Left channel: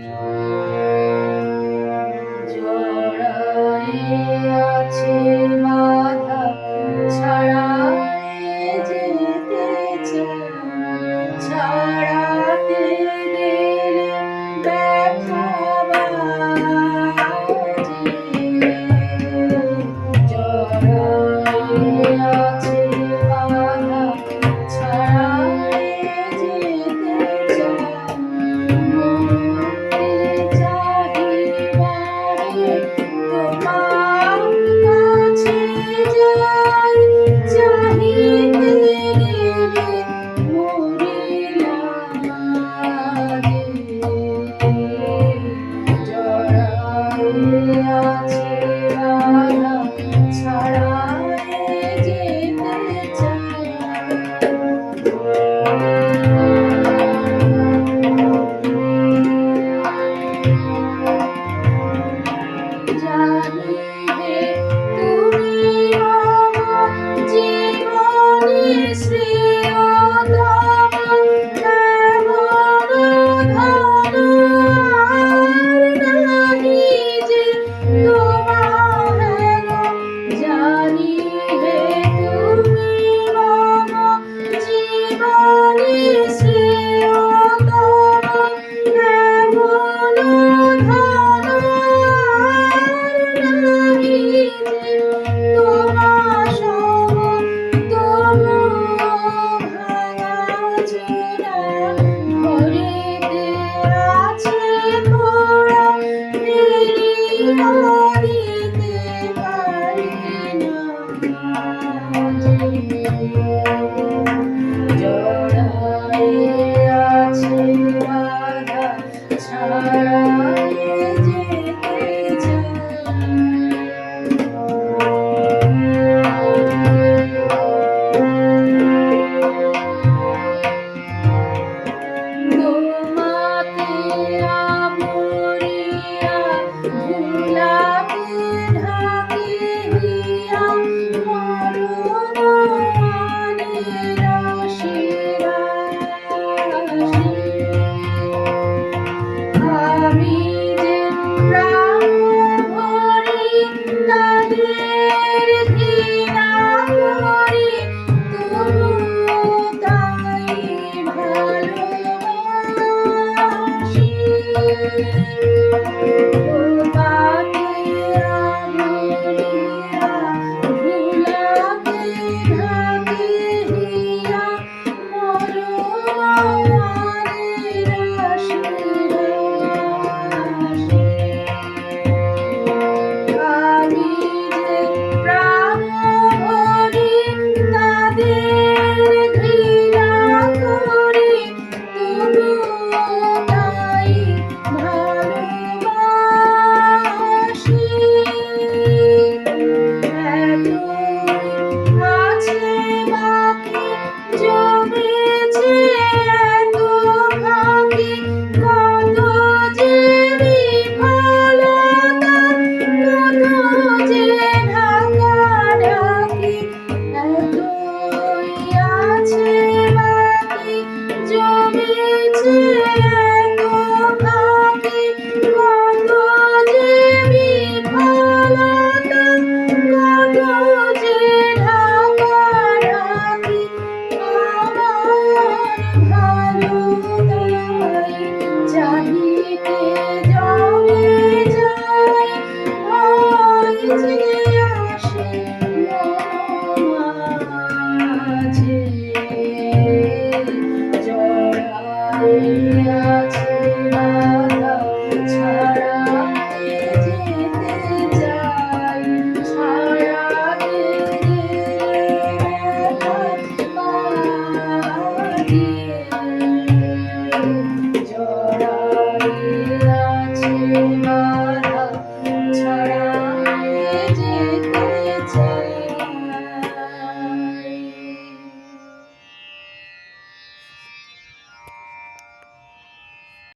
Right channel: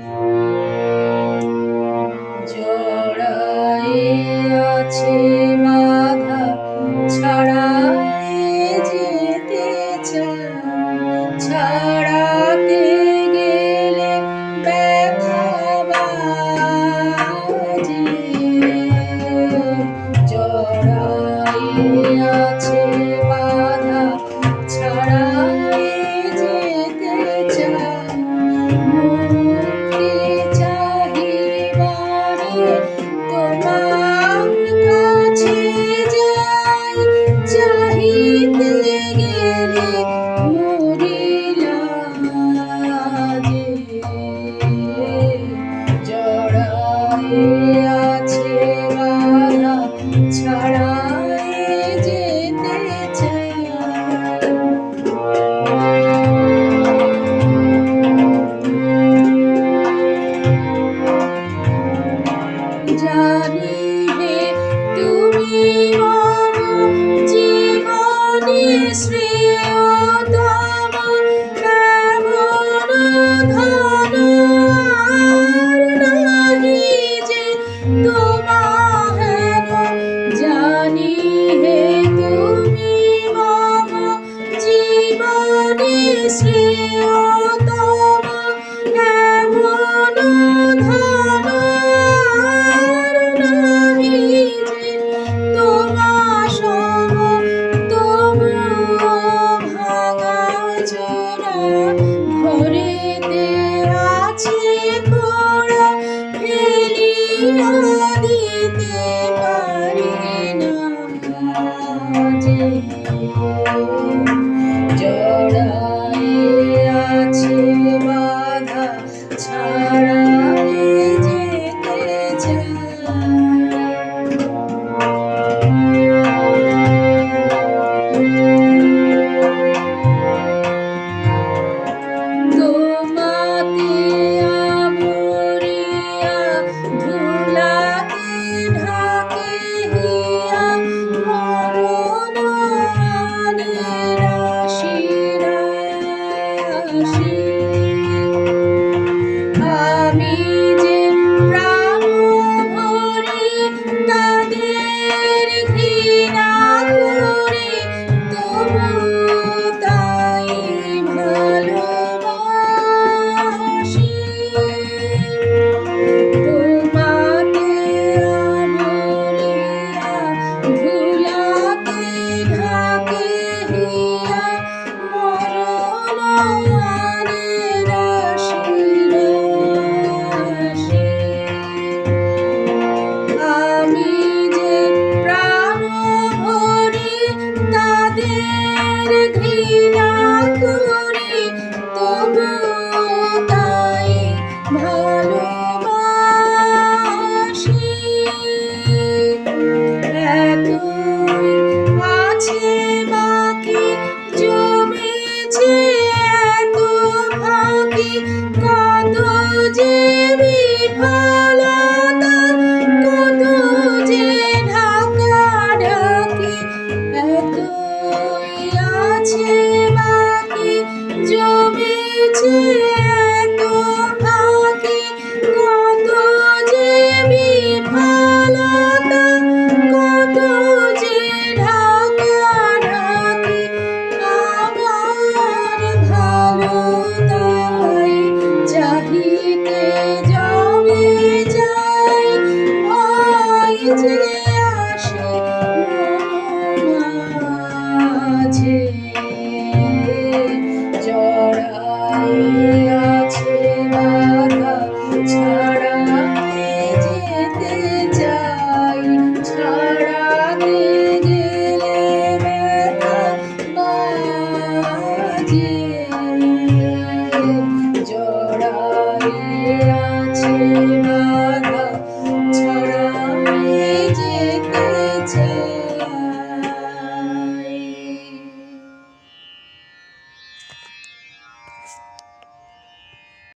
Yeah. Amen. মাঝে